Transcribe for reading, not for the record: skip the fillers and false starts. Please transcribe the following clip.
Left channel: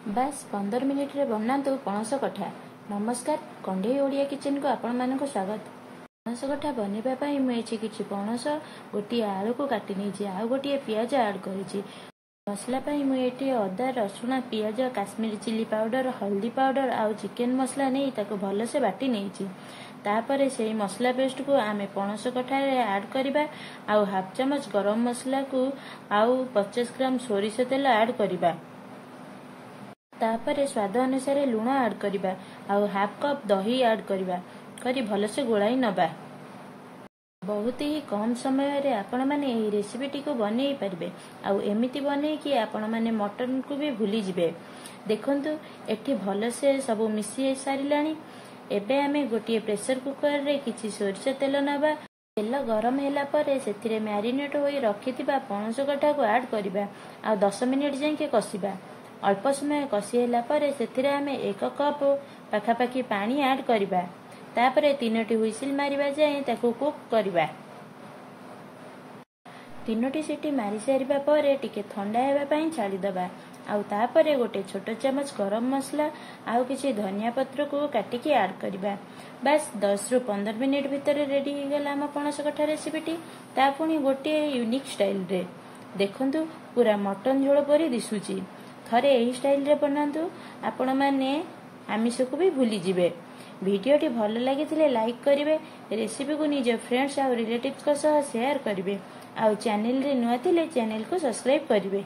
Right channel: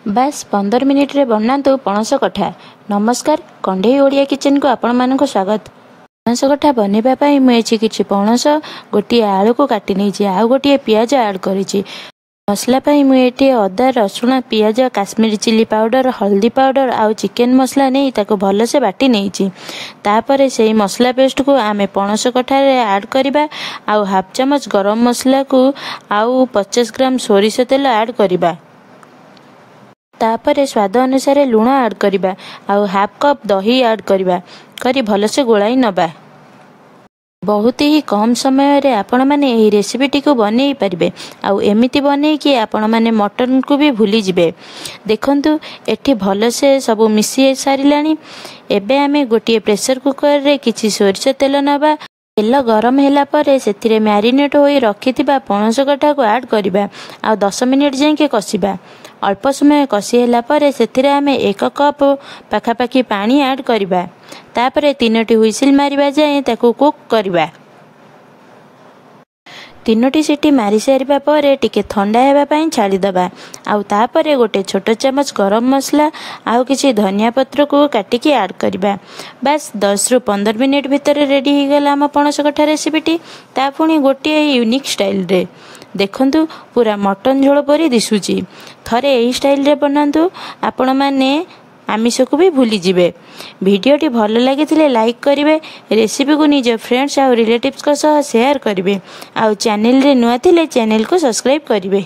बास 15 मिनिट रे बनातु पणस कठा। नमस्कार, कंढई ओडिया किचन को आपण मानक स्वागत। पणस कठा बनैबा पई मुझे किछि पणस गोटे आलू को काटी नहीं आउ गोटे पियाज ऐड करिछि। मसला पई मुझे अदा रसुण पियाज काश्मीरी चिली पाउडर हल्दी पाउडर आउ चिकेन मसला नहीं ताको भल से बाटी नहीं तापर से मसला पेस्ट को आमे पणस कठार ऐड करबा आउ हाफ चमच गरम मसला को आउ 50 ग्राम सोरिष तेल ऐड करबा। तापर स्वाद अनुसार लुण ऐड करबा आउ हाफ कप दही ऐड करबा करी भल से गोलाई नबा। बहुत ही कम समय रे आपण माने एही रेसिपी को बनै परिबे आउ एमिति बनै कि आपण माने मटन को भी भूली जिबे। देखंतु एठी भल से सब मिसी सारिलानी। एबे आमे गोटे प्रेशर कुकर रे किछि सोरिष तेल नबा। तेल गरम होला परे सेथिरे मैरिनेट होई रखिथिबा पणस कठा को ऐड करबा आ 10 मिनिट जाके कसिबा। अल्प समय कसी होला परे सेथिरे आमे 1 कप पाखापाखी पानी ऐड करबा। तापरे 3टी हुइसिल मारिबा जाए ताको कुक करबा। 3टी सीटी मारी सारिबा परे टिके ठंडा हेबा पई छाड़ी दबा आउ तापरे गोटे छोट चमच गरम मसला आउ किछि धनिया पत्र को काटिकी ऐड करबा। बस 10 रु 15 मिनिट भितर रेडी हो गला हम पणस कठा रेसिपीटी। ता पुणी गोटे यूनिक स्टाइल रे देखंतु पूरा मटन झोल परी दिसुची। थरे एही स्टाइल रे बनांतु आपण माने आमिष को भी भूली जिबे। वीडियोटी भल लगी लाइक करेंगे, रेसिपी को निज फ्रेंड्स और रिलेटिव्स को सह शेयर करेंगे, आउ चैनल रे नुआ थिले चैनल को सब्सक्राइब करेंगे।